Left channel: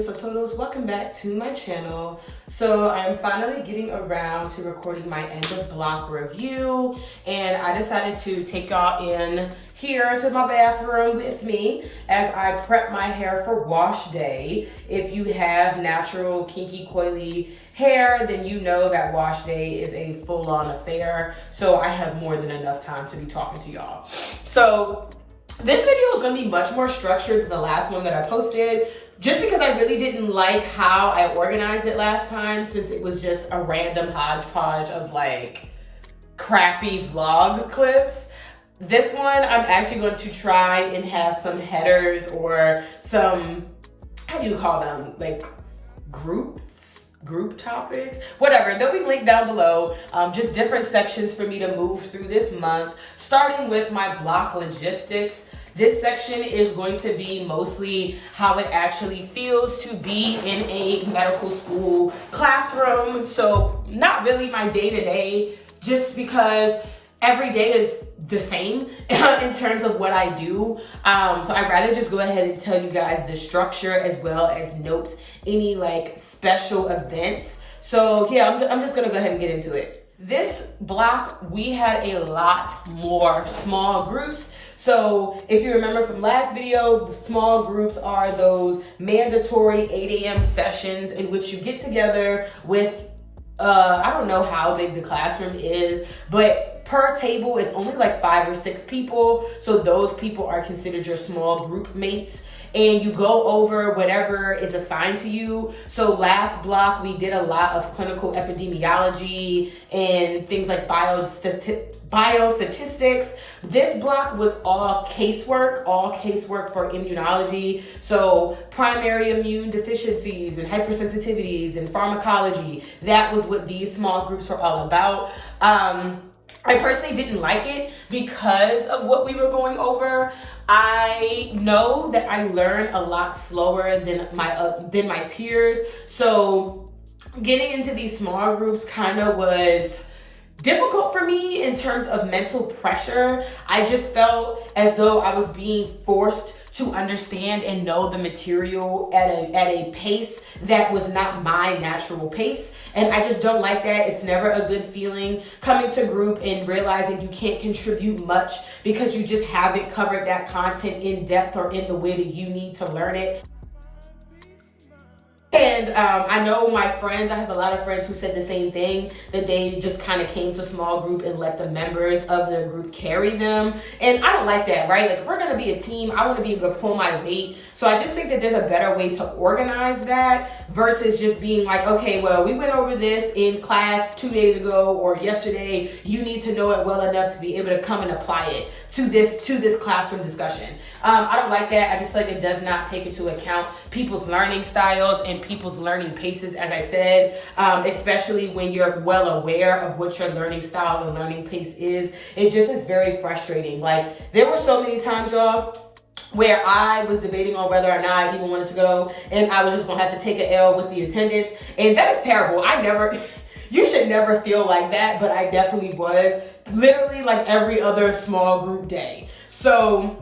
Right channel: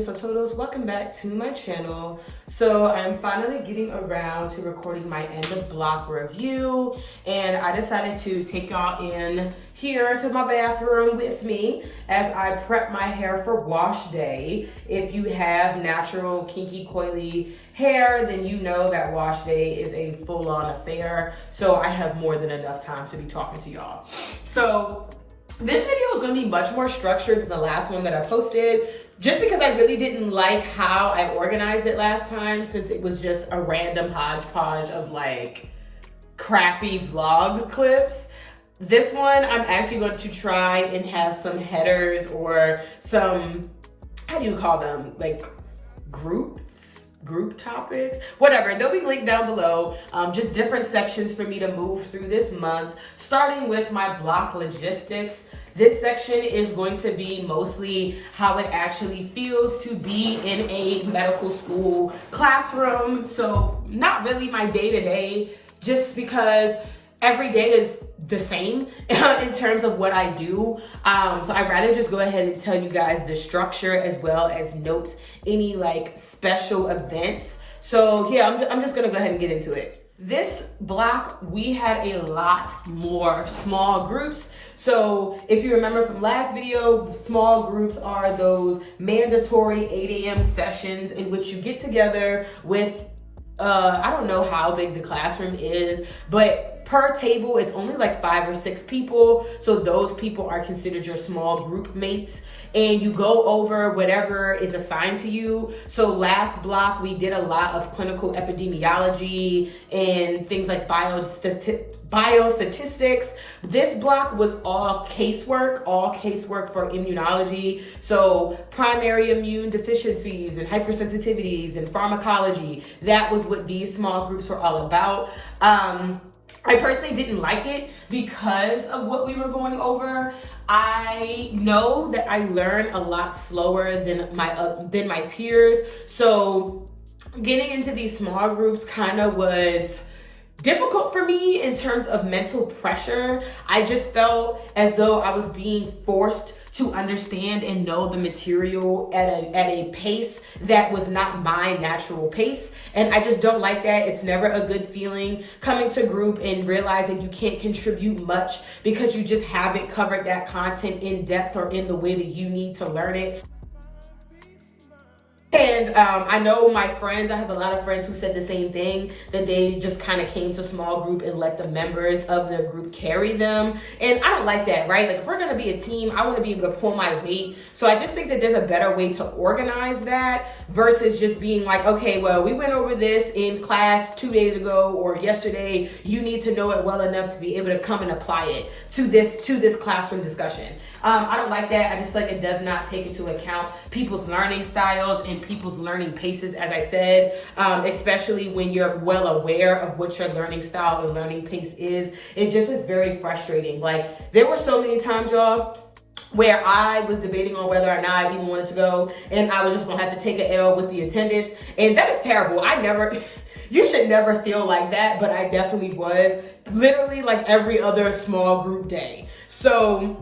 So Todos, welcome back to my channel. So I'm finally getting around to recording my end of block review, and I decided to take y'all in here to my bathroom with me as I prep my hair for wash day. If you have natural kinky coily hair, then you know that wash day is a full-on affair. So I have more than enough time to be talking to y'all. So this video is going to be much more structured than the last one that I posted, just because I really didn't like how I organized it last time, since it was just a random hodgepodge of like crappy vlog clips. This one, I'm actually going to try and have some headers or some, how do you call them? Like group topics, whatever. They'll be linked down below. Just different sections for me to move through this month, starting with my block logistics. This section is going to be mostly how it actually feels to be in a medical school classroom. So not really my day-to-day, just because every day is the same in terms of what I do. So I'd rather just go ahead and tell you guys the structure as well as note any like special events. So yeah, I'm just gonna go ahead and get into it. This block, we had a lot more small groups. So if you remember from last video, the small groups are those mandatory 8 a.m. sessions in which you get together with, I don't know how big the classroom is, but per table, it's only like 5 or 6 people. So those people are considered your small group mates, and you go over whatever is assigned to you. So last block, we did a lot of clinical epidemiology and things like biostatistics. This block was all casework for immunology. So primary immune deficiencies and hypersensitivities and pharmacology. That was what these small groups were all about. I personally didn't like it because of what we were going over. I know that I learn a lot slower than my peers. So getting into these small groups kind of was difficult for me in terms of mental pressure. I just felt as though I was being forced to understand and know the material at a pace that was not my natural pace. And I just don't like that. It's never a good feeling coming to group and realizing you can't contribute much because you just haven't covered that content in depth or in the way that you need to learn it. And I know my friends, I have a lot of friends who said the same thing, that they just kind of came to small group and let the members of their group carry them. And I don't like that, right? Like if we're gonna be a team, I wanna be able to pull my weight. So I just think that there's a better way to organize that versus just being like, okay, well, we went over this in class 2 days ago or yesterday. You need to know it well enough to be able to come and apply it to this classroom discussion. I don't like that. I just feel like it does not take into account people's learning styles and people's learning paces, as I said, especially when you're well aware of what your learning style and learning pace is. It just is very frustrating. Like there were so many times, y'all, where I was debating on whether or not I even wanted to go, and I was just gonna have to take an L with the attendance. And that is terrible. You should never feel like that, but I definitely was, literally like every other small group day. So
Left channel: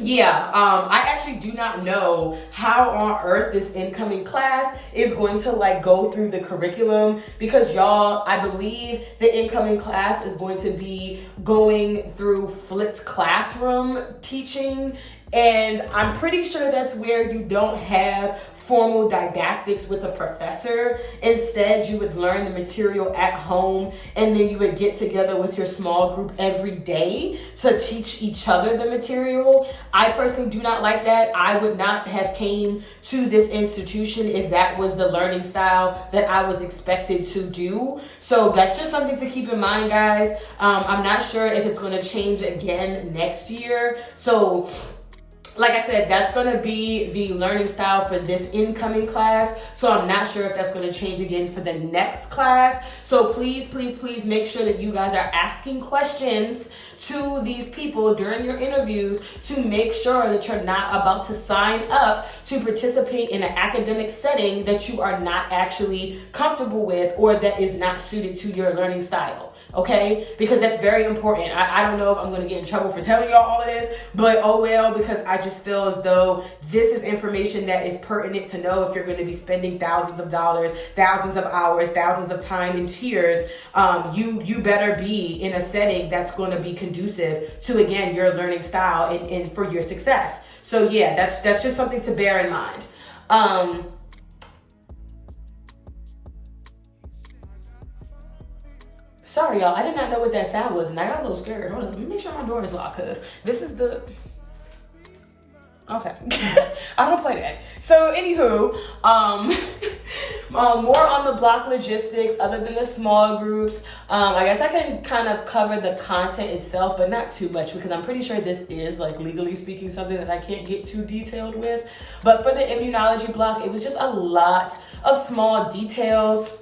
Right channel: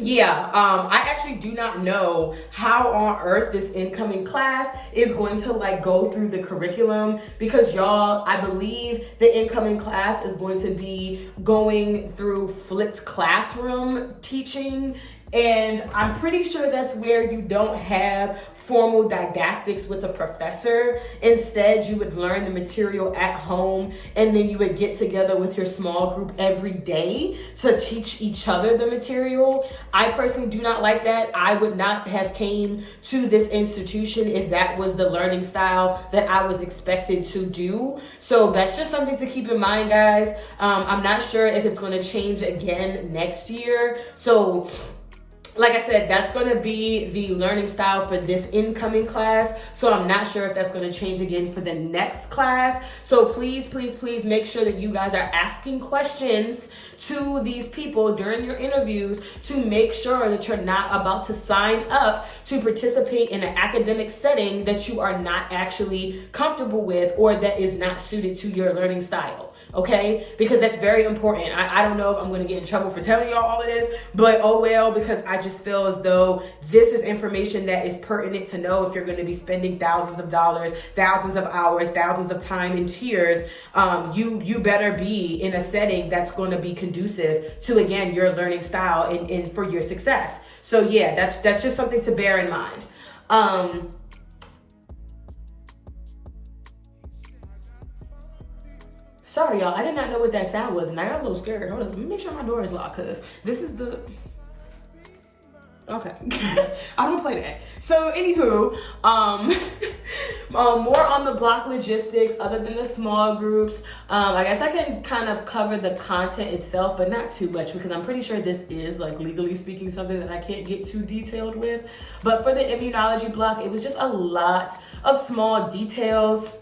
yeah, I actually do not know how on earth this incoming class is going to like go through the curriculum, because y'all, I believe the incoming class is going to be going through flipped classroom teaching. And I'm pretty sure that's where you don't have formal didactics with a professor. Instead, you would learn the material at home, and then you would get together with your small group every day to teach each other the material. I personally do not like that. I would not have came to this institution if that was the learning style that I was expected to do. So that's just something to keep in mind, guys. I'm not sure if it's going to change again next year. So like I said, that's going to be the learning style for this incoming class. So I'm not sure if that's going to change again for the next class. So please, please, please make sure that you guys are asking questions to these people during your interviews to make sure that you're not about to sign up to participate in an academic setting that you are not actually comfortable with or that is not suited to your learning style. okay? Because that's very important. I don't know if I'm gonna get in trouble for telling y'all all of this, but oh well, because I just feel as though this is information that is pertinent to know if you're gonna be spending thousands of dollars, thousands of hours, thousands of time and tears. You better be in a setting that's gonna be conducive to, again, your learning style and for your success. So yeah, that's just something to bear in mind. Sorry, y'all. I did not know what that sound was, and I got a little scared. Hold on, let me make sure my door is locked, because this is the... Okay. I don't play that. So, anywho, more on the block logistics, other than the small groups. I guess I can kind of cover the content itself, but not too much, because I'm pretty sure this is, like, legally speaking, something that I can't get too detailed with. But for the immunology block, it was just a lot of small details.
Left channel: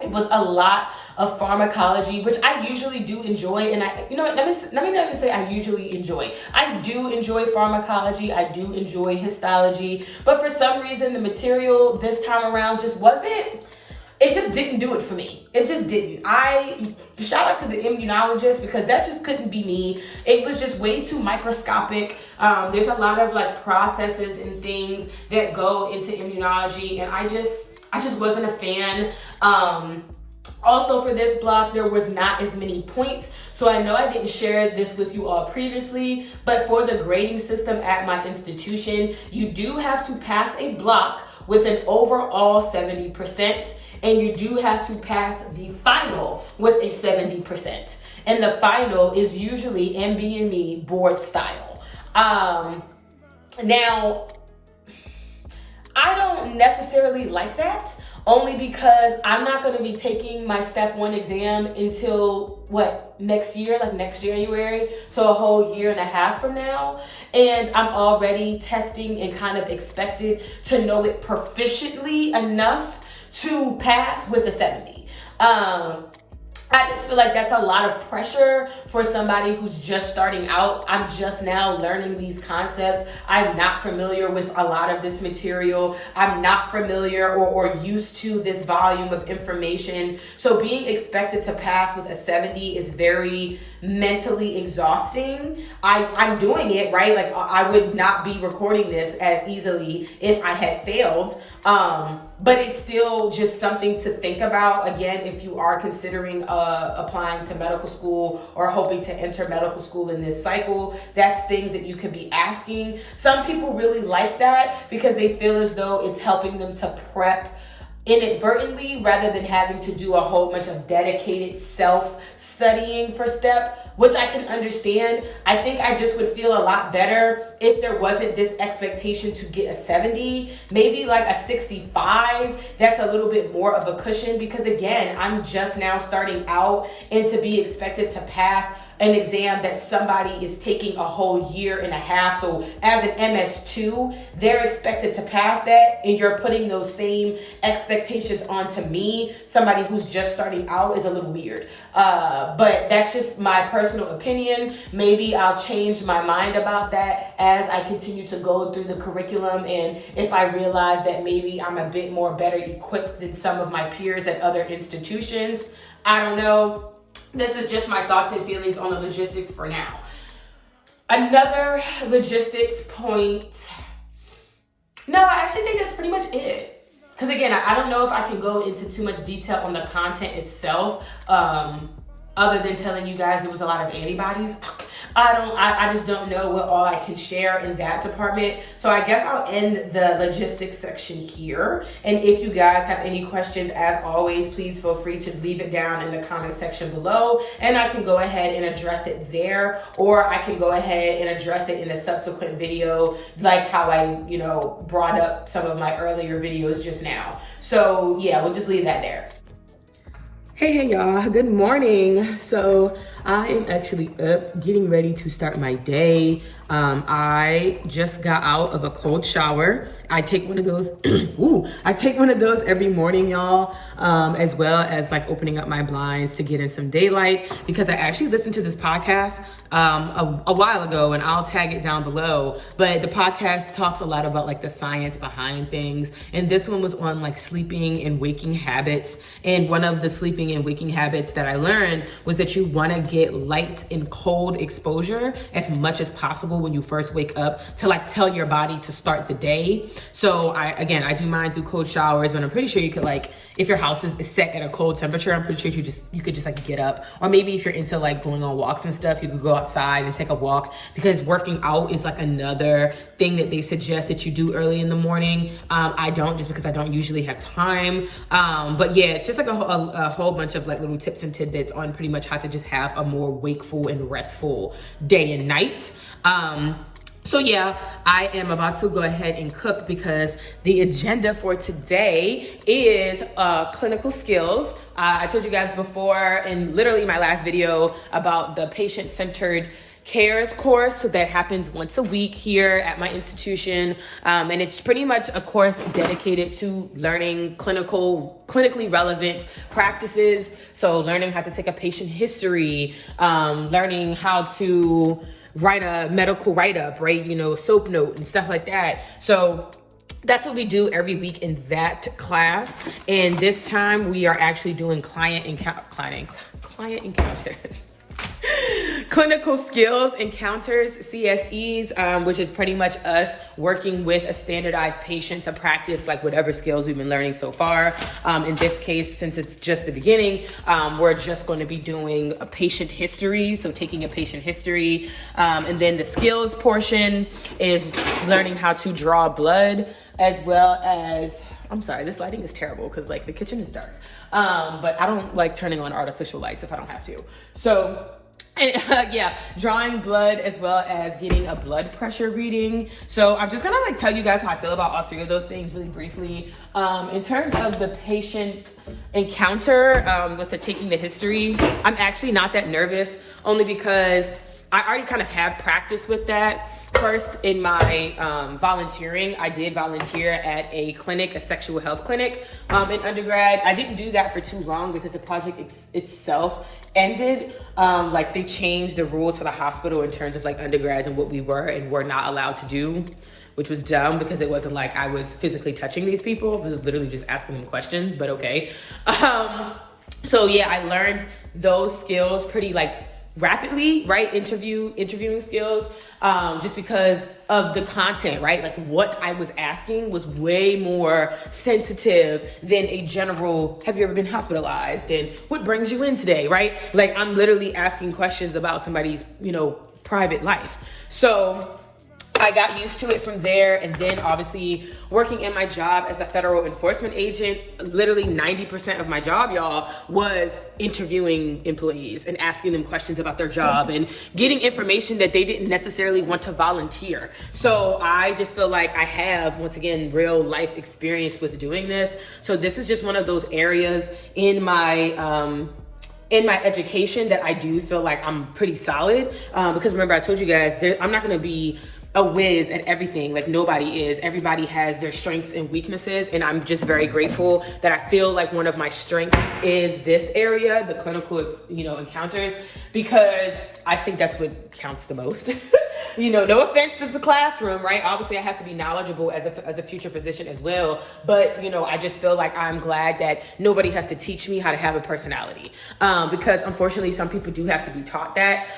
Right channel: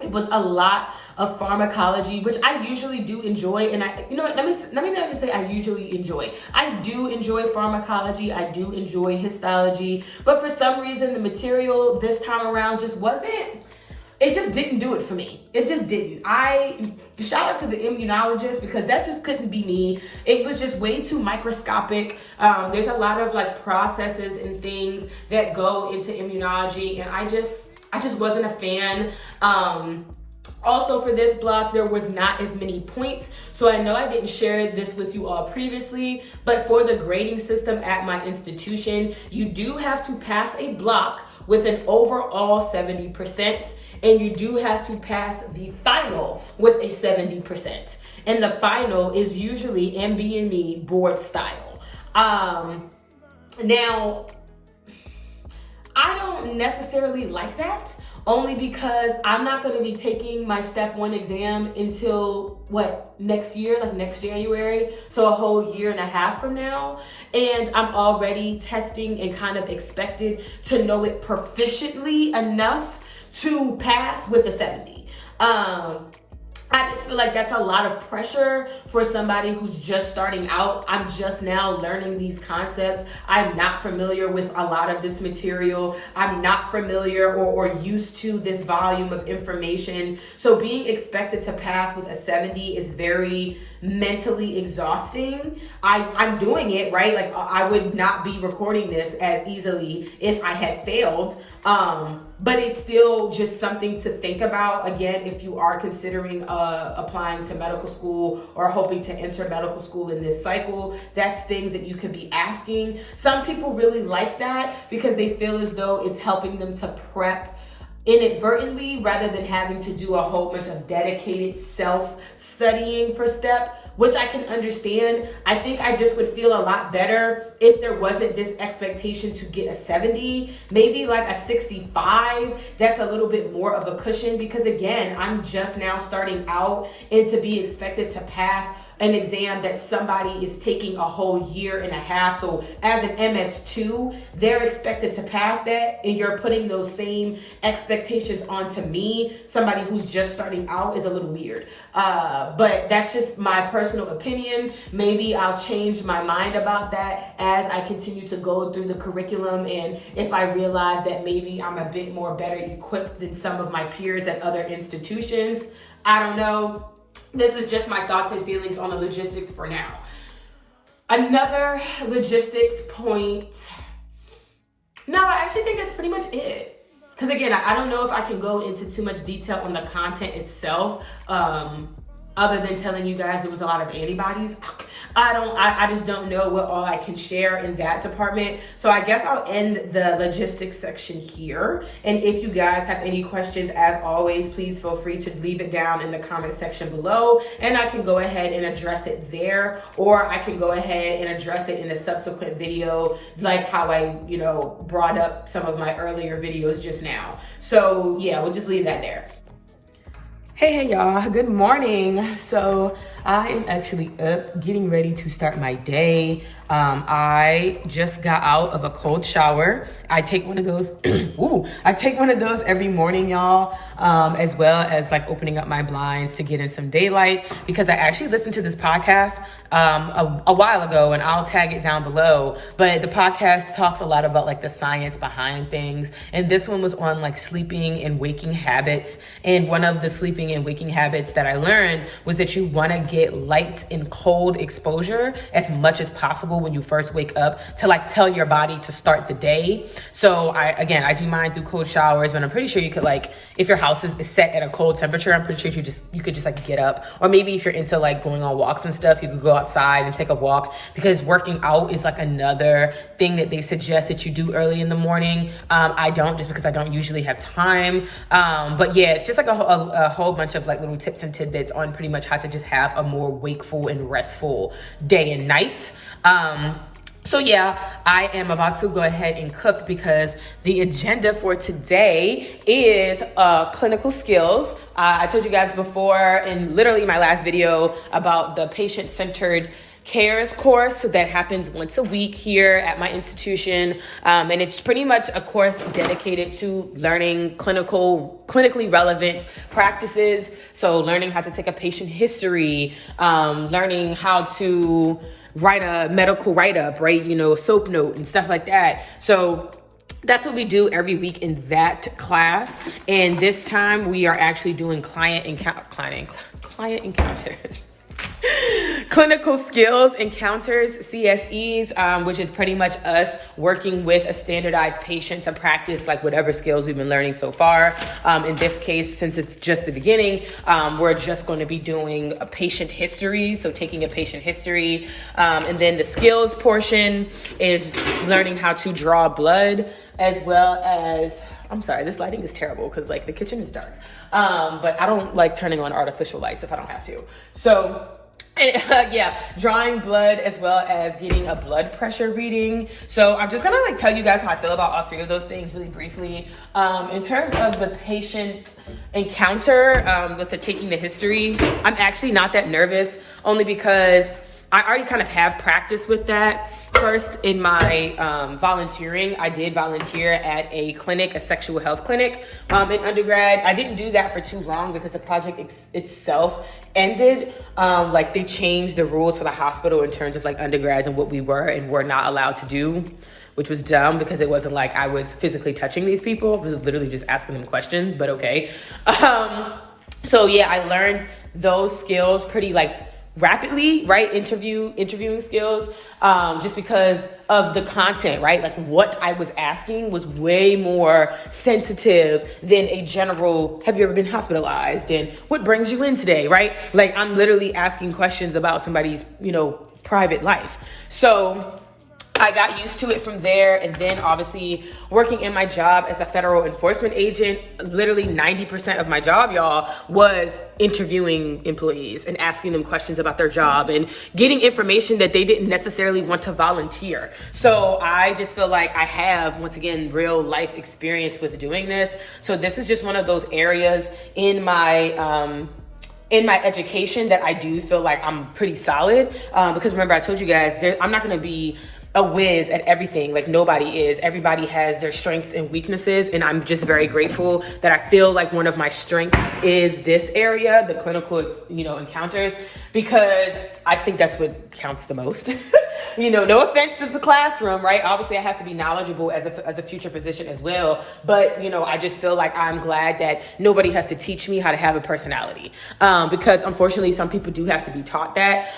It was a lot of pharmacology, which I usually do enjoy. And let me not even say I usually enjoy. I do enjoy pharmacology. I do enjoy histology. But for some reason, the material this time around just wasn't, it just didn't do it for me. It just didn't. Shout out to the immunologist, because that just couldn't be me. It was just way too microscopic. There's a lot of like processes and things that go into immunology, and I just wasn't a fan. Also for this block, there was not as many points. So I know I didn't share this with you all previously, but for the grading system at my institution, you do have to pass a block with an overall 70%, and you do have to pass the final with a 70%. And the final is usually MB&E board style. Now, I don't necessarily like that, only because I'm not going to be taking my step 1 exam until next year, like next January, so a whole year and a half from now. And I'm already testing and kind of expected to know it proficiently enough to pass with a 70. I just feel like that's a lot of pressure for somebody who's just starting out. I'm just now learning these concepts. I'm not familiar with a lot of this material. I'm not familiar or used to this volume of information. So being expected to pass with a 70 is very mentally exhausting. I'm doing it, right? Like I would not be recording this as easily if I had failed. But it's still just something to think about. Again, if you are considering applying to medical school or hoping to enter medical school in this cycle, that's things that you could be asking. Some people really like that because they feel as though it's helping them to prep inadvertently rather than having to do a whole bunch of dedicated self-studying for step, which I can understand. I think I just would feel a lot better if there wasn't this expectation to get a 70, maybe like a 65. That's a little bit more of a cushion, because again, I'm just now starting out, and to be expected to pass an exam that somebody is taking a whole year and a half. So as an MS2, they're expected to pass that, and you're putting those same expectations onto me, somebody who's just starting out, is a little weird. But that's just my personal opinion. Maybe I'll change my mind about that as I continue to go through the curriculum, and if I realize that maybe I'm a bit more better equipped than some of my peers at other institutions. I don't know. This is just my thoughts and feelings on the logistics for now. Another logistics point. No, I actually think that's pretty much it. Because again, I don't know if I can go into too much detail on the content itself, other than telling you guys it was a lot of antibodies. I just don't know what all I can share in that department. So I guess I'll end the logistics section here. And if you guys have any questions, as always, please feel free to leave it down in the comment section below, and I can go ahead and address it there, or I can go ahead and address it in a subsequent video, like how I, brought up some of my earlier videos just now. So yeah, we'll just leave that there. Hey y'all, good morning. So I am actually up getting ready to start my day. I just got out of a cold shower. I take one of those, I take one of those every morning, y'all, as well as like opening up my blinds to get in some daylight, because I actually listened to this podcast a while ago, and I'll tag it down below. But the podcast talks a lot about like the science behind things. And this one was on like sleeping and waking habits. And one of the sleeping and waking habits that I learned was that you want to get light and cold exposure as much as possible when you first wake up, to like tell your body to start the day. So I do mine through cold showers, but I'm pretty sure you could, like, if your house is set at a cold temperature, I'm pretty sure you could just like get up. Or maybe if you're into like going on walks and stuff, you could go outside and take a walk, because working out is like another thing that they suggest that you do early in the morning. I don't, just because I don't usually have time. But yeah, it's just like a whole bunch of like little tips and tidbits on pretty much how to just have a more wakeful and restful day and night. So yeah, I am about to go ahead and cook, because the agenda for today is clinical skills. I told you guys before in literally my last video about the patient-centered cares course that happens once a week here at my institution. And it's pretty much a course dedicated to learning clinically relevant practices. So learning how to take a patient history, learning how to write a medical write-up, right? SOAP note and stuff like that. So that's what we do every week in that class. And this time we are actually doing client encounters. Clinical skills encounters, CSEs, which is pretty much us working with a standardized patient to practice like whatever skills we've been learning so far. In this case, since it's just the beginning, we're just going to be doing a patient history. So taking a patient history, and then the skills portion is learning how to draw blood, as well as, I'm sorry, this lighting is terrible because like the kitchen is dark. But I don't like turning on artificial lights if I don't have to. So drawing blood, as well as getting a blood pressure reading. So I'm just gonna like tell you guys how I feel about all three of those things really briefly. In terms of the patient encounter, with the taking the history, I'm actually not that nervous, only because I already kind of have practice with that. First, in my volunteering, I did volunteer at a clinic, a sexual health clinic in undergrad. I didn't do that for too long because the project itself ended. Like they changed the rules for the hospital in terms of like undergrads and what we were and were not allowed to do, which was dumb because it wasn't like I was physically touching these people. I was literally just asking them questions, but okay. So yeah, I learned those skills pretty like rapidly, right? Interviewing skills, just because of the content, right? Like what I was asking was way more sensitive than a general, have you ever been hospitalized? And what brings you in today, right? Like I'm literally asking questions about somebody's, private life. So I got used to it from there. And then obviously working in my job as a federal enforcement agent, literally 90% of my job, y'all, was interviewing employees and asking them questions about their job and getting information that they didn't necessarily want to volunteer. So I just feel like I have, once again, real life experience with doing this. So this is just one of those areas in my education that I do feel like I'm pretty solid. Because remember, I told you guys, I'm not going to be a whiz at everything. Like nobody is. Everybody has their strengths and weaknesses. And I'm just very grateful that I feel like one of my strengths is this area, the clinical, encounters, because I think that's what counts the most. No offense to the classroom, right? Obviously I have to be knowledgeable as a future physician as well. But, I just feel like I'm glad that nobody has to teach me how to have a personality. Because unfortunately some people do have to be taught that,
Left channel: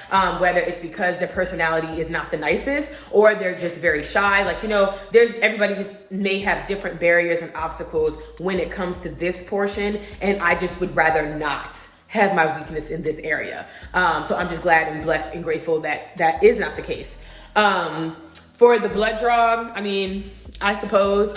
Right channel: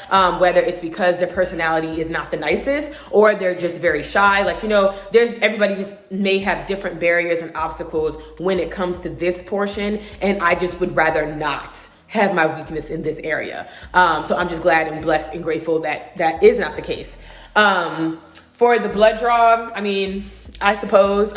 whether it's because their personality is not the nicest or they're just very shy. Like, everybody just may have different barriers and obstacles when it comes to this portion. And I just would rather not have my weakness in this area. So I'm just glad and blessed and grateful that that is not the case. For the blood draw, I suppose,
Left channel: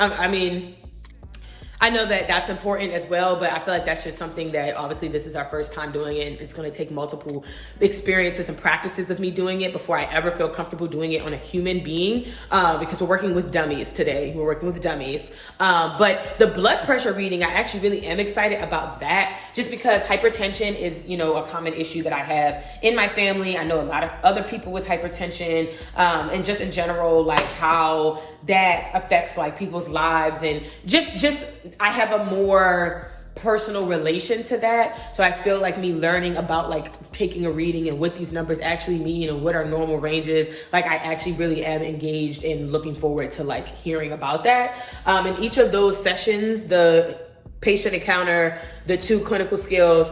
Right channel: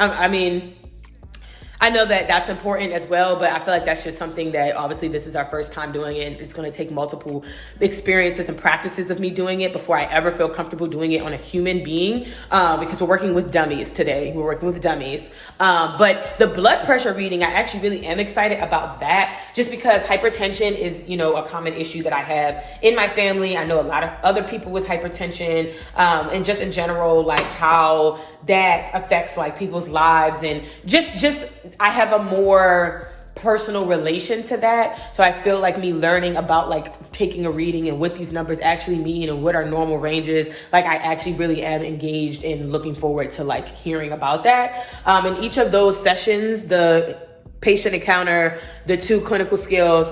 I know that that's important as well, but I feel like that's just something that obviously this is our first time doing it. It's going to take multiple experiences and practices of me doing it before I ever feel comfortable doing it on a human being, because we're working with dummies today. We're working with dummies. But the blood pressure reading, I actually really am excited about that, just because hypertension is, a common issue that I have in my family. I know a lot of other people with hypertension, and just in general, like how that affects like people's lives, and just I have a more personal relation to that. So I feel like me learning about like taking a reading and what these numbers actually mean and what our normal range is, like I actually really am engaged in looking forward to like hearing about that. In each of those sessions, the patient encounter, the 2 clinical skills,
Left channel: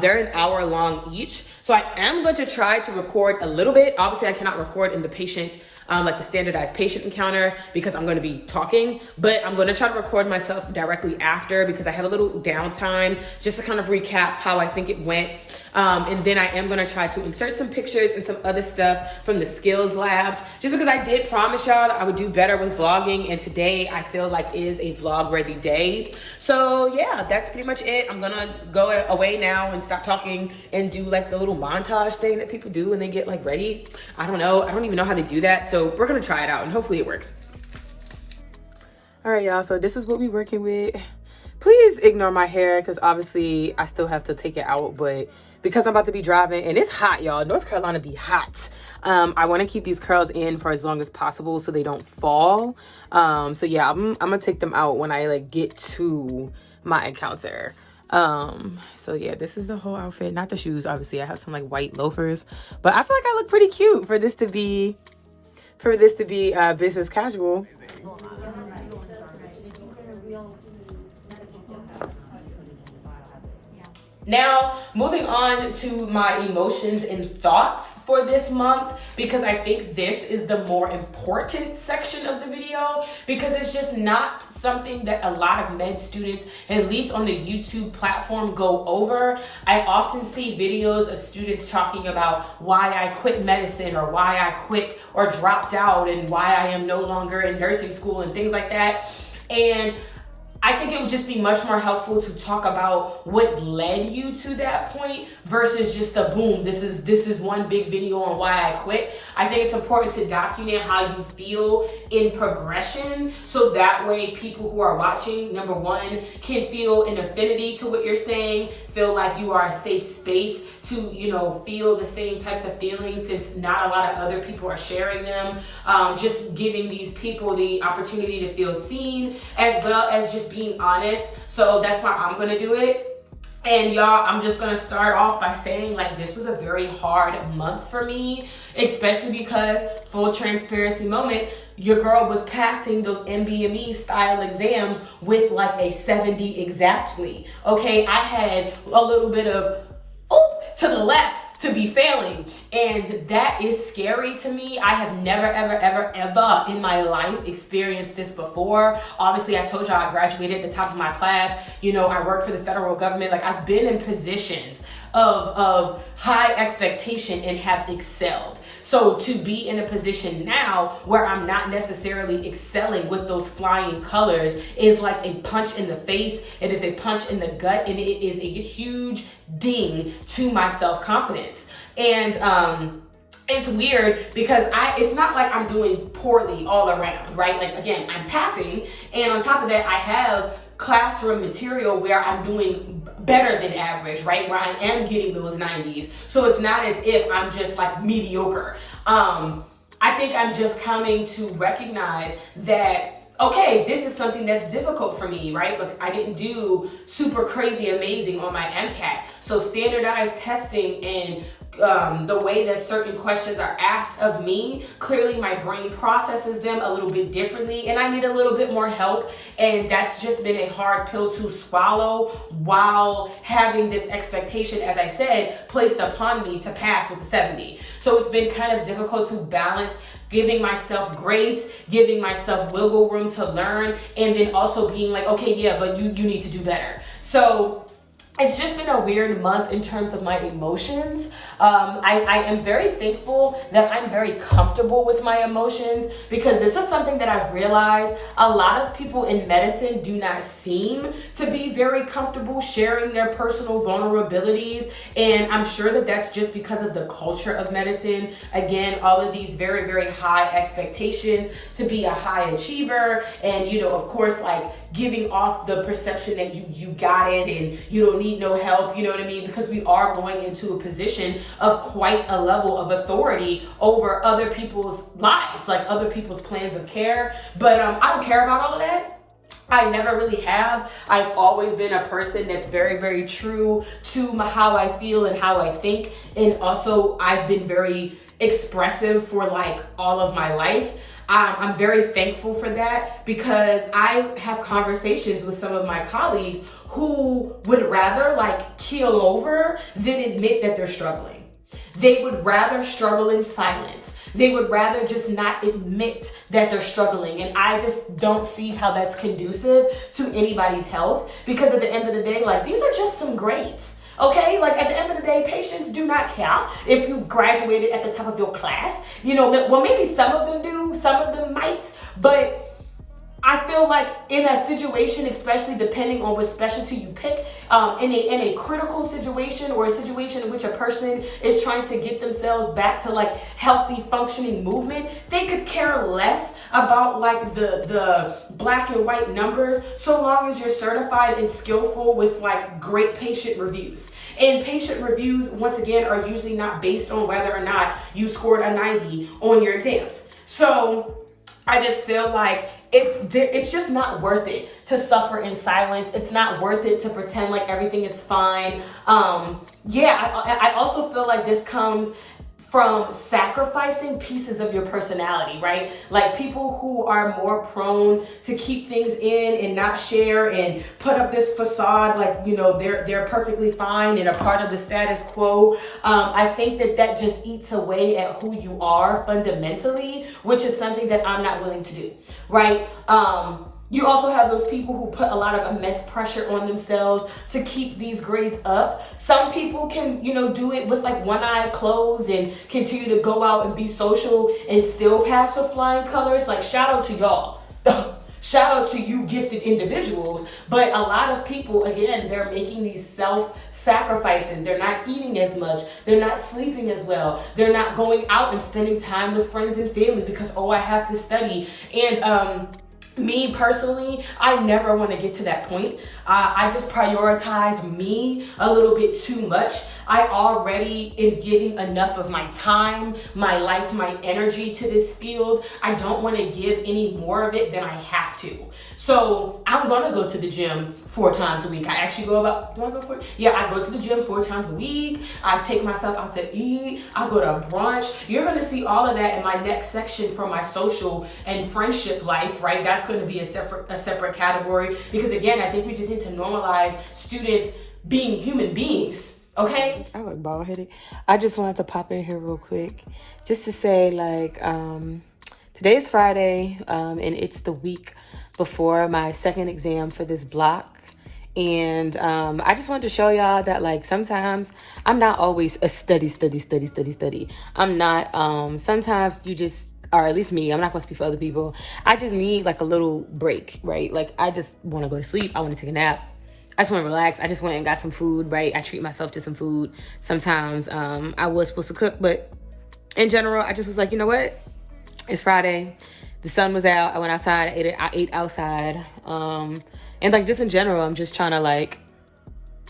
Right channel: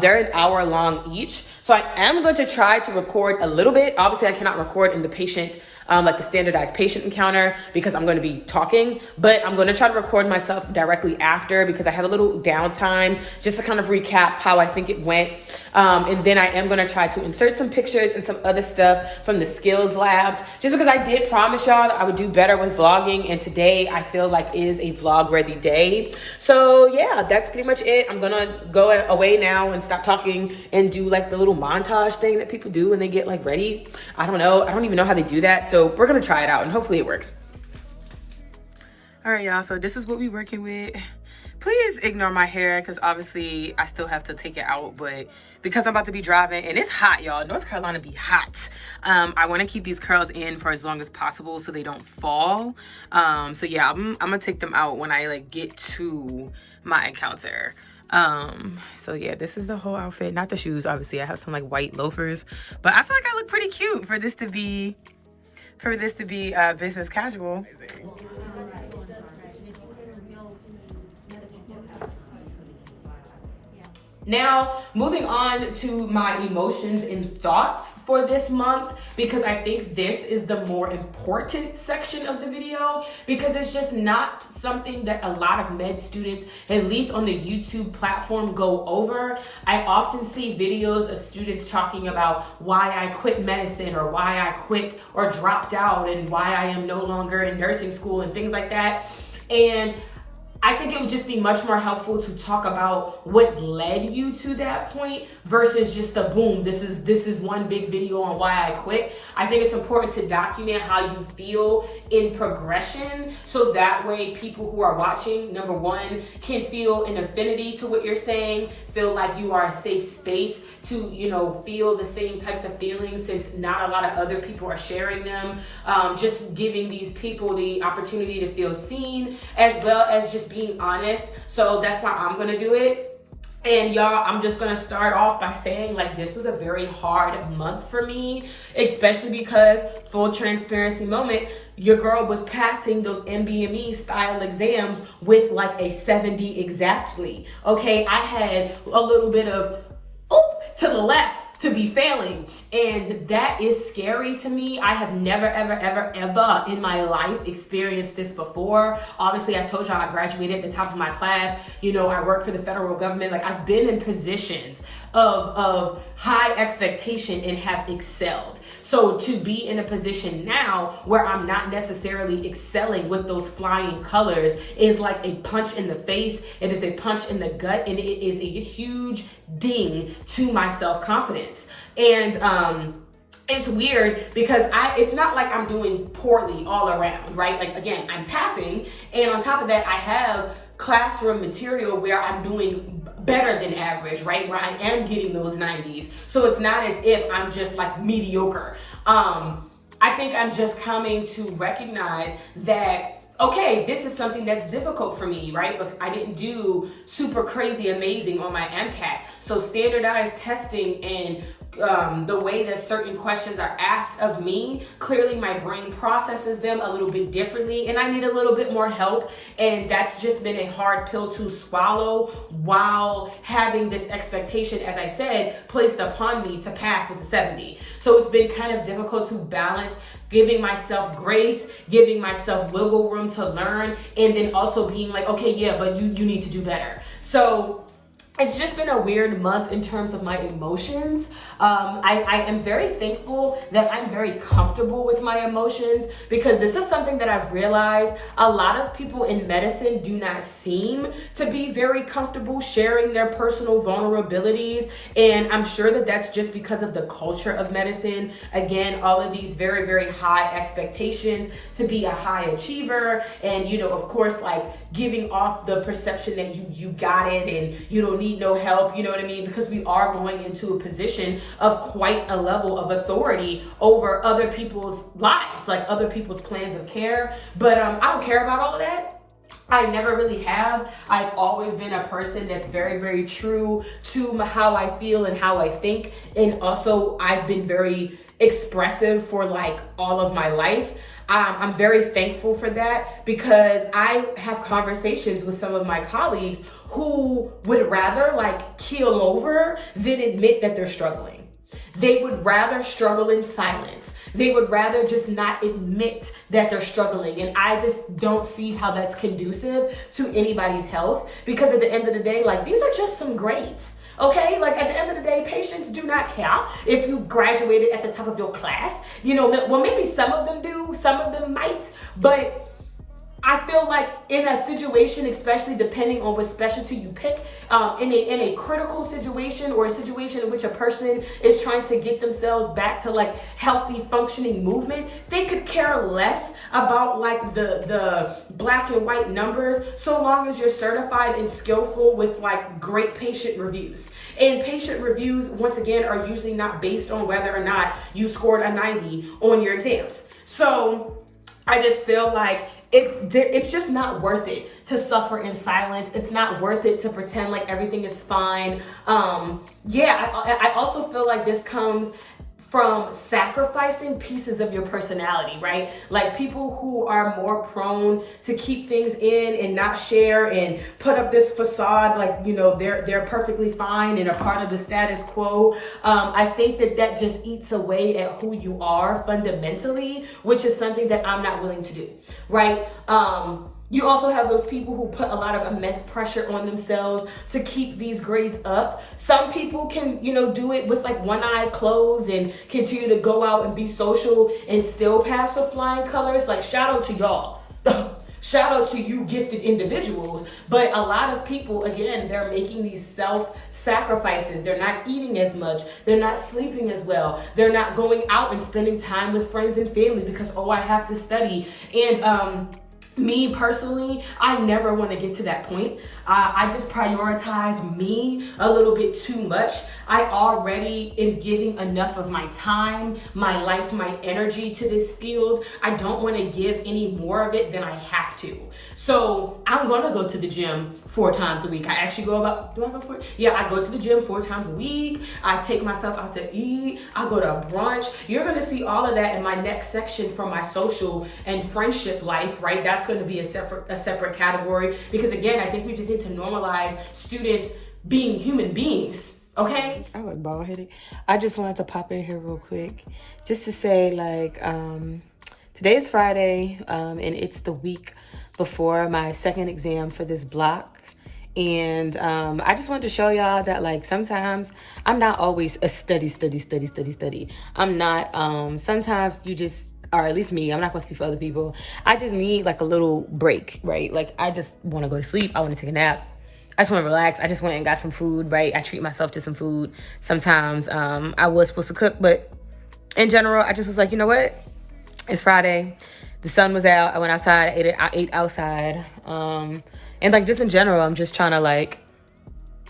they're an hour long each. So I am going to try to record a little bit. Obviously I cannot record in the patient like the standardized patient encounter because I'm going to be talking, but I'm going to try to record myself directly after because I had a little downtime just to kind of recap how I think it went. And then I am going to try to insert some pictures and some other stuff from the skills labs, just because I did promise y'all that I would do better with vlogging. And today I feel like is a vlog ready day. So yeah, that's pretty much it. I'm going to go away now and stop talking and do like the little montage thing that people do when they get like ready. I don't know. I don't even know how they do that. So we're going to try it out and hopefully it works. All right, y'all. So this is what we're working with. Please ignore my hair because obviously I still have to take it out, but because I'm about to be driving and it's hot, y'all. North Carolina be hot. I want to keep these curls in for as long as possible so they don't fall. So yeah, I'm gonna take them out when I like get to my encounter. So yeah, this is the whole outfit, not the shoes. Obviously I have some like white loafers, but I feel like I look pretty cute for this to be business casual. Now, moving on to my emotions and thoughts for this month, because I think this is the more important section of the video, because it's just not something that a lot of med students, at least on the YouTube platform, go over. I often see videos of students talking about why I quit medicine or why I quit or dropped out and why I am no longer in nursing school and things like that. And I think it would just be much more helpful to talk about what led you to that point versus just a boom, this is one big video on why I quit. I think it's important to document how you feel in progression, so that way people who are watching, number one, can feel an affinity to what you're saying, feel like you are a safe space to, feel the same types of feelings, since not a lot of other people are sharing them. Just giving these people the opportunity to feel seen, as well as just being honest. So that's why I'm gonna do it. And y'all, I'm just gonna start off by saying like this was a very hard month for me, especially because, full transparency moment, your girl was passing those MBME style exams with like a 70 exactly. Okay, I had a little bit of to the left to be failing, and that is scary to me. I have never ever in my life experienced this before. Obviously I told y'all I graduated at the top of my class. I work for the federal government. Like, I've been in positions of high expectation and have excelled. So to be in a position now where I'm not necessarily excelling with those flying colors is like a punch in the face. It is a punch in the gut, and it is a huge ding to my self-confidence. And it's weird because it's not like I'm doing poorly all around, right? Like, again, I'm passing, and on top of that, I have classroom material where I'm doing better than average, right? Where I am getting those 90s. So it's not as if I'm just like mediocre. I think I'm just coming to recognize that, okay, this is something that's difficult for me, right? But I didn't do super crazy amazing on my MCAT. So standardized testing and the way that certain questions are asked of me, clearly my brain processes them a little bit differently, and I need a little bit more help. And that's just been a hard pill to swallow while having this expectation, as I said, placed upon me to pass with a 70. So it's been kind of difficult to balance giving myself grace, giving myself wiggle room to learn, and then also being like, okay, yeah, but you need to do better. So it's just been a weird month in terms of my emotions. I am very thankful that I'm very comfortable with my emotions, because this is something that I've realized a lot of people in medicine do not seem to be very comfortable sharing their personal vulnerabilities. And I'm sure that that's just because of the culture of medicine. Again, all of these very, very high expectations to be a high achiever. And, you know, of course, like giving off the perception that you got it and you don't need no help, you know what I mean? Because we are going into a position of quite a level of authority over other people's lives, like other people's plans of care. But I don't care about all of that. I never really have. I've always been a person that's very, very true to how I feel and how I think. And also I've been very expressive for like all of my life. I'm very thankful for that, because I have conversations with some of my colleagues who would rather like keel over than admit that they're struggling. They would rather struggle in silence. They would rather just not admit that they're struggling. And I just don't see how that's conducive to anybody's health, because at the end of the day, like, these are just some grades. Okay, like at the end of the day, patients do not care if you graduated at the top of your class. You know, well, maybe some of them do, some of them might, but I feel like in a situation, especially depending on what specialty you pick, in a critical situation, or a situation in which a person is trying to get themselves back to like healthy functioning movement, they could care less about like the black and white numbers, so long as you're certified and skillful with like great patient reviews. And patient reviews, once again, are usually not based on whether or not you scored a 90 on your exams. So I just feel like it's just not worth it to suffer in silence. It's not worth it to pretend like everything is fine. I also feel like this comes from sacrificing pieces of your personality, right? Like people who are more prone to keep things in and not share and put up this facade like, you know, they're perfectly fine and a part of the status quo. I think that just eats away at who you are fundamentally, which is something that I'm not willing to do, right? You also have those people who put a lot of immense pressure on themselves to keep these grades up. Some people can, you know, do it with like one eye closed and continue to go out and be social and still pass with flying colors. Like, shout out to y'all. Shout out to you gifted individuals. But a lot of people, again, they're making these self-sacrifices. They're not eating as much. They're not sleeping as well. They're not going out and spending time with friends and family because, oh, I have to study. And me personally, I never want to get to that point. I just prioritize me a little bit too much. I already am giving enough of my time, my life, my energy to this field. I don't want to give any more of it than I have to. So I'm gonna go to the gym 4 times a week. I actually go about, do I go for it? Yeah, I go to the gym 4 times a week. I take myself out to eat. I go to brunch. You're gonna see all of that in my next section for my social and friendship life, right? That's gonna be a separate category, because again, I think we just need to normalize students being human beings. Okay? I look bald-headed. I just wanted to pop in here real quick just to say, like, today is Friday, and it's the week before my second exam for this block. And I just wanted to show y'all that, like, sometimes I'm not always a study. I'm not, sometimes you just, or at least me, I'm not gonna speak for other people. I just need like a little break, right? Like, I just wanna go to sleep. I wanna take a nap. I just want to relax. I just went and got some food, right? I treat myself to some food. Sometimes I was supposed to cook, but in general, I just was like, you know what? It's Friday. The sun was out. I went outside. I ate outside. And like, just in general, I'm just trying to like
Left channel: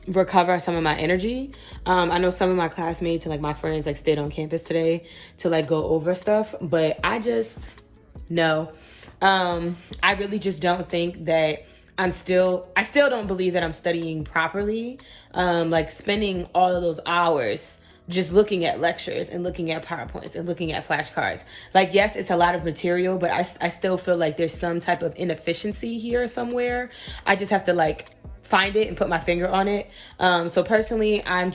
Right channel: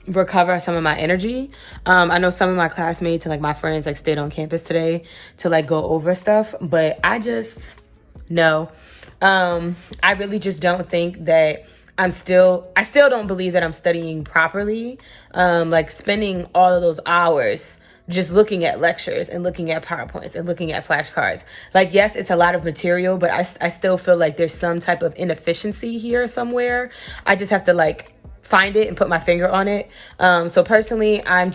recover some of my energy. I know some of my classmates and like my friends like stayed on campus today to like go over stuff, but I just, no. I really just don't think that I still don't believe that I'm studying properly. Like spending all of those hours just looking at lectures and looking at PowerPoints and looking at flashcards. Like, yes, it's a lot of material, but I still feel like there's some type of inefficiency here somewhere. I just have to like find it and put my finger on it. So personally, I'm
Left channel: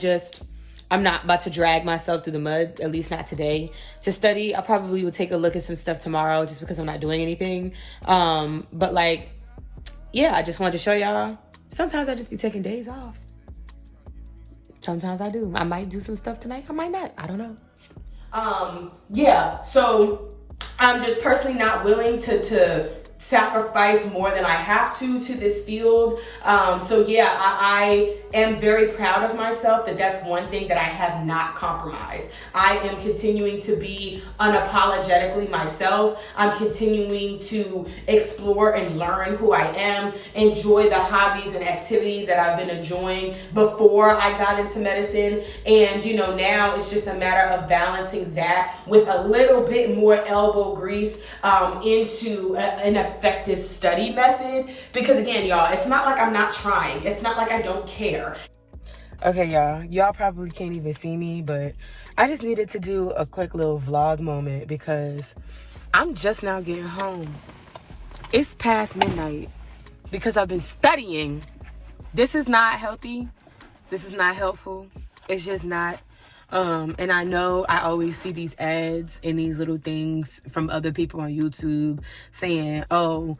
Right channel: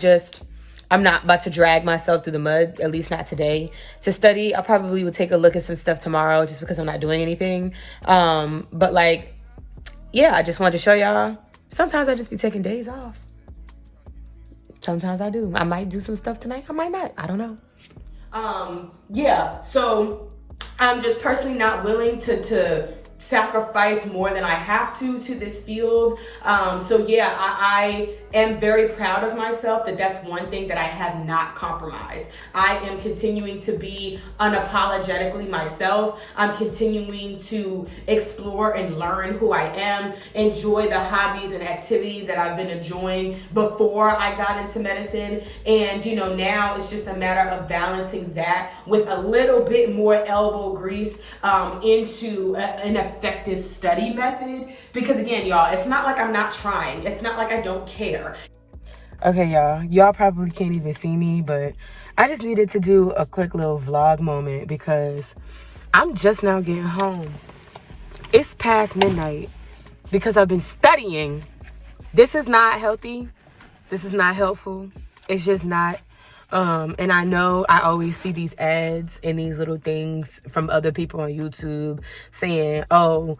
not about to drag myself through the mud, at least not today, to study. I probably will take a look at some stuff tomorrow just because I'm not doing anything. But like, yeah, I just wanted to show y'all, sometimes I just be taking days off. Sometimes I do. I might do some stuff tonight. I might not. I don't know. Yeah, so I'm just personally not willing to sacrifice more than I have to this field. So yeah, I am very proud of myself that that's one thing that I have not compromised. I am continuing to be unapologetically myself. I'm continuing to explore and learn who I am, enjoy the hobbies and activities that I've been enjoying before I got into medicine. And now it's just a matter of balancing that with a little bit more elbow grease into an effective study method. Because again, y'all, it's not like I'm not trying. It's not like I don't care. Okay, y'all probably can't even see me, but I just needed to do a quick little vlog moment because I'm just now getting home. It's past midnight because I've been studying. This is not healthy. This is not helpful. It's just not. And I know I always see these ads and these little things from other people on YouTube saying, oh,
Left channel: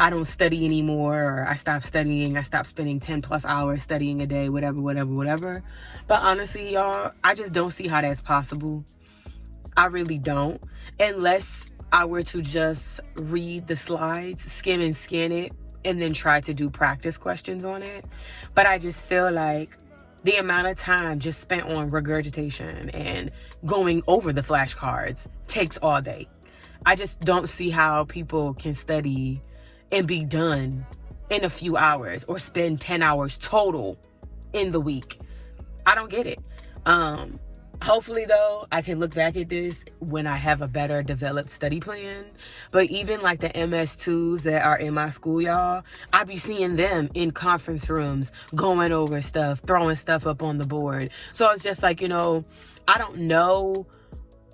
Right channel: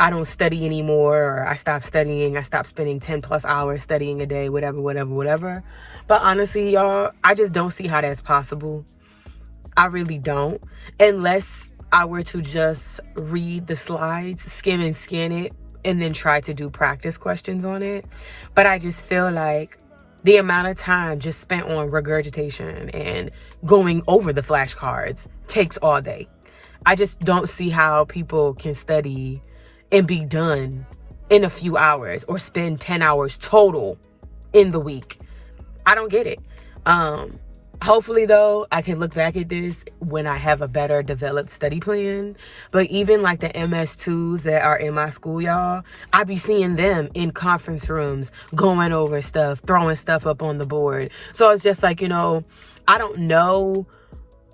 I don't study anymore, or I stopped studying, I stopped spending 10 plus hours studying a day, whatever. But honestly, y'all, I just don't see how that's possible. I really don't. Unless I were to just read the slides, skim and scan it, and then try to do practice questions on it. But I just feel like the amount of time just spent on regurgitation and going over the flashcards takes all day. I just don't see how people can study and be done in a few hours or spend 10 hours total in the week. I don't get it. Hopefully, though, I can look back at this when I have a better developed study plan. But even like the MS2s that are in my school, y'all, I be seeing them in conference rooms going over stuff, throwing stuff up on the board. So it's just like, I don't know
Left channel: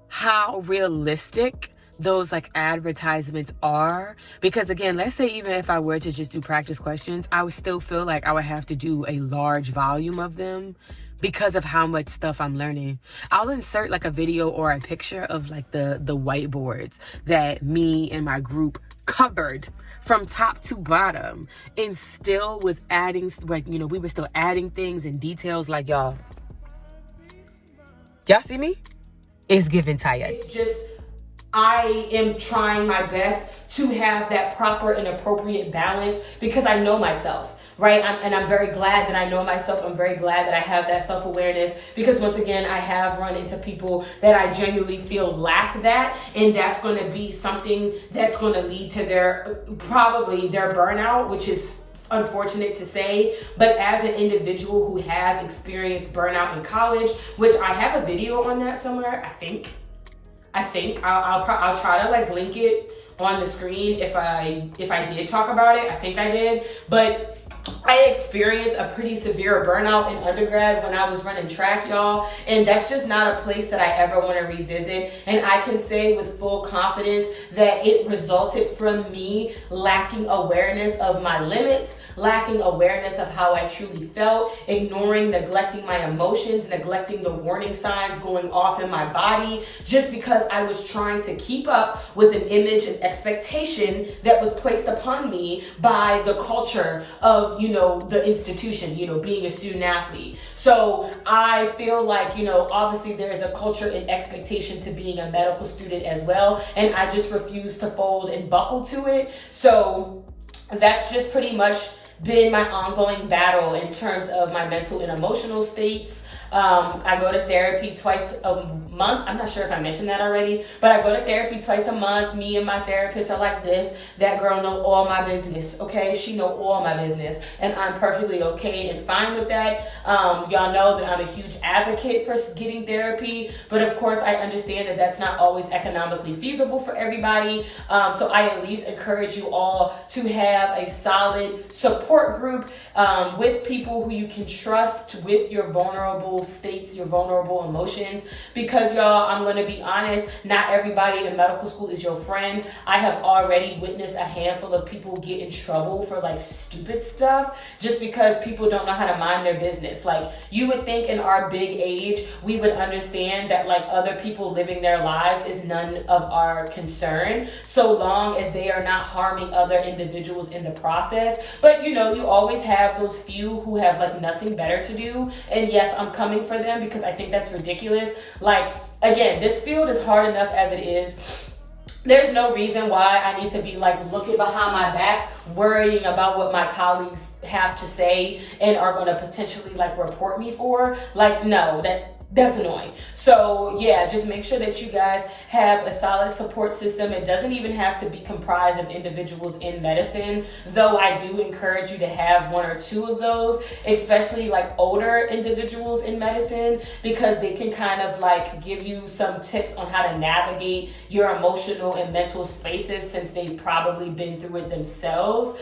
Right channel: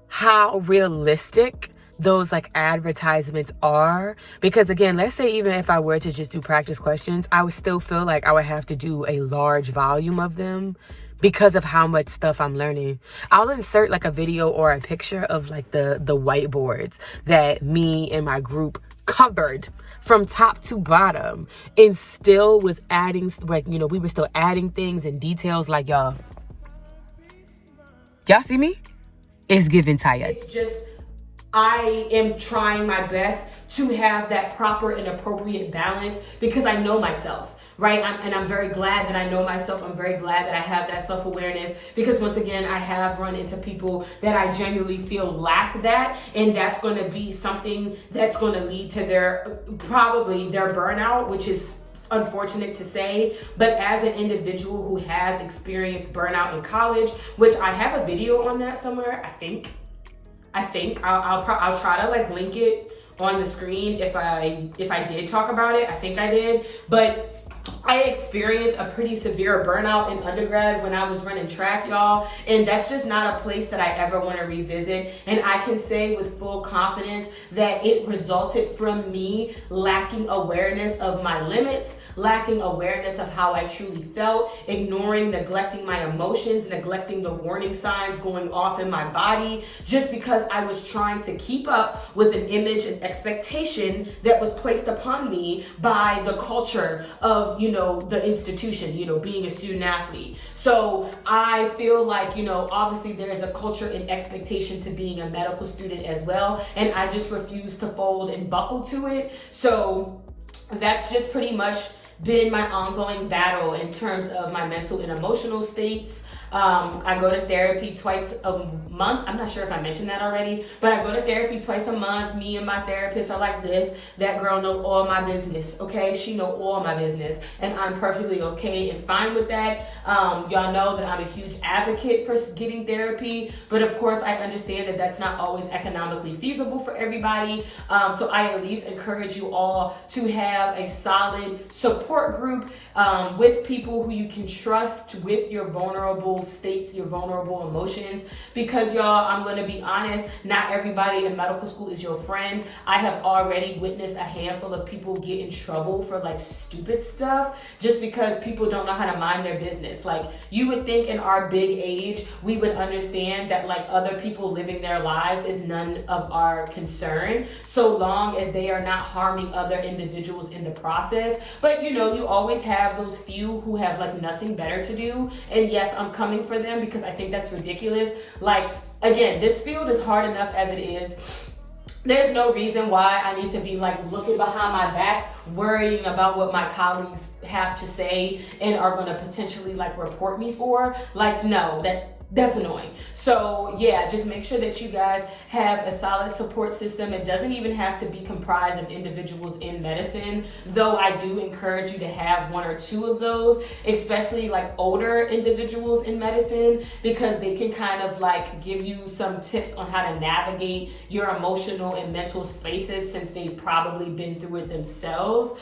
how realistic those like advertisements are, because again, let's say even if I were to just do practice questions, I would still feel like I would have to do a large volume of them because of how much stuff I'm learning. I'll insert like a video or a picture of like the whiteboards that me and my group covered from top to bottom, and still was adding, like, we were still adding things and details. Like, y'all see me? It's giving tired. It's just, I am trying my best to have that proper and appropriate balance because I know myself, right? I'm very glad that I know myself. I'm very glad that I have that self-awareness, because once again, I have run into people that I genuinely feel lack that, and that's going to be something that's going to lead to probably their burnout, which is unfortunate to say. But as an individual who has experienced burnout in college, which I have a video on that somewhere, I think I'll try to like link it on the screen if I did talk about it. I think I did. But I experienced a pretty severe burnout in undergrad when I was running track, y'all. And that's just not a place that I ever want to revisit. And I can say with full confidence that it resulted from me lacking awareness of my limits, lacking awareness of how I truly felt, ignoring, neglecting my emotions, neglecting the warning signs going off in my body, just because I was trying to keep up with an image and expectation that was placed upon me by the culture of, the institution, being a student athlete. So I feel like, obviously there is a culture and expectation to being a medical student as well. And I just refuse to fold and buckle to it. So that's just pretty much been my ongoing battle in terms of my mental and emotional states. I go to therapy twice a month. I'm not sure if I mentioned that already, but I go to therapy twice a month. Me and my therapist are like this. That girl know all my business, okay? She know all my business, and I'm perfectly okay and fine with that. Y'all know that I'm a huge advocate for getting therapy, but of course I understand that that's not always economically feasible for everybody. So I at least encourage you all to have a solid support group with people who you can trust with your vulnerable states, your vulnerable emotions, because y'all, I'm going to be honest, not everybody in medical school is your friend. I have already witnessed a handful of people get in trouble for like stupid stuff just because people don't know how to mind their business. Like, you would think in our big age we would understand that like other people living their lives is none of our concern, so long as they are not harming other individuals in the process. But you always have those few who have like nothing better to do. And yes, I'm coming coming for them, because I think that's ridiculous. Like, again, this field is hard enough as it is. There's no reason why I need to be like looking behind my back, worrying about what my colleagues have to say and are going to potentially like report me for. Like, no, that's annoying. So yeah, just make sure that you guys have a solid support system. It doesn't even have to be comprised of individuals in medicine, though I do encourage you to have one or two of those, especially like older individuals in medicine, because they can kind of like give you some tips on how to navigate your emotional and mental spaces, since they've probably been through it themselves.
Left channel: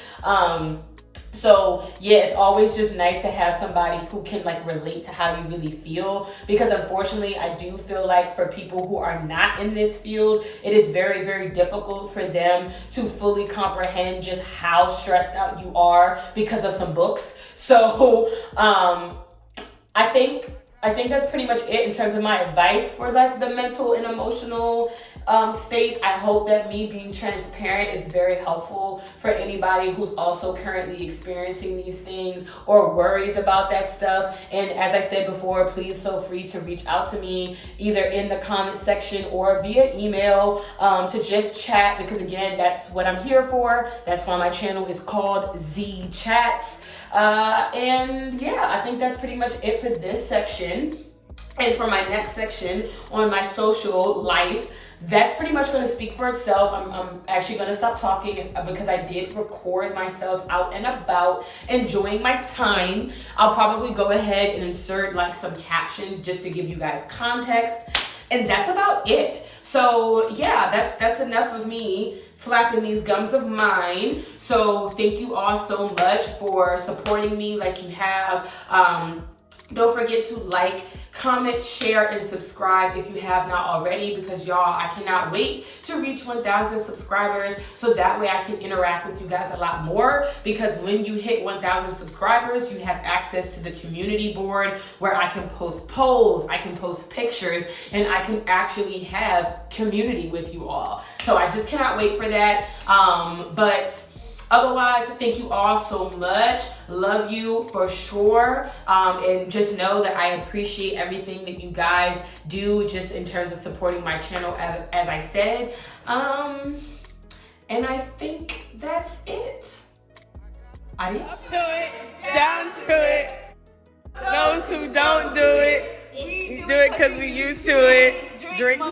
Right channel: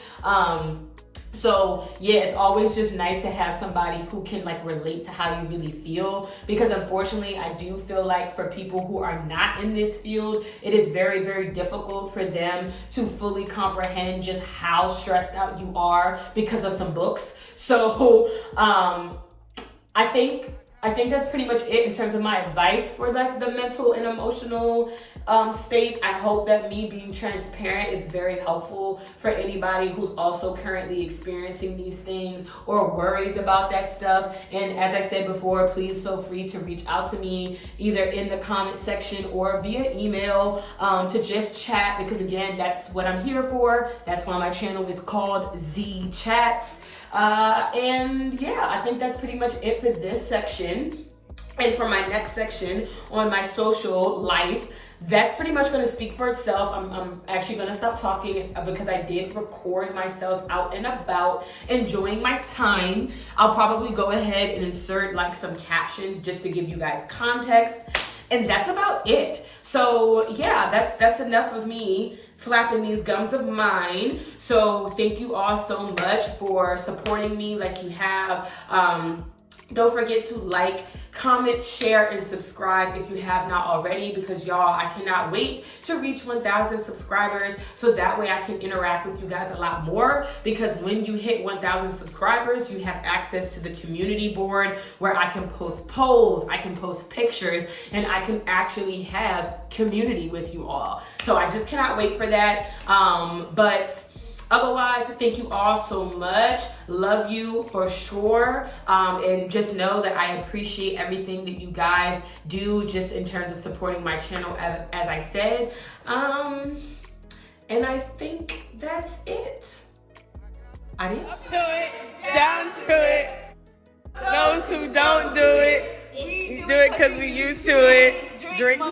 So yeah, it's always just nice to have somebody who can like relate to how you really feel, because unfortunately I do feel like for people who are not in this field, it is very, very difficult for them to fully comprehend just how stressed out you are because of some books. So I think that's pretty much it in terms of my advice for like the mental and emotional states. I hope that me being transparent is very helpful for anybody who's also currently experiencing these things or worries about that stuff. And as I said before, please feel free to reach out to me either in the comment section or via email to just chat, because again, that's what I'm here for. That's why my channel is called Z Chats. And yeah, I think that's pretty much it for this section. And for my next section on my social life, that's pretty much going to speak for itself. I'm actually going to stop talking because I did record myself out and about enjoying my time. I'll probably go ahead and insert like some captions just to give you guys context. And that's about it. So yeah, that's enough of me flapping these gums of mine. So thank you all so much for supporting me like you have. Don't forget to like, comment, share, and subscribe if you have not already, because y'all, I cannot wait to reach 1,000 subscribers, so that way I can interact with you guys a lot more, because when you hit 1,000 subscribers, you have access to the community board where I can post polls, I can post pictures, and I can actually have community with you all. So I just cannot wait for that. But otherwise, thank you all so much. Love you for sure. And just know that I appreciate everything that you guys do just in terms of supporting my channel, as I said. And I think that's it. Adios. Up to it, down to it. Those who don't do it, we do it because we used to it. Drink.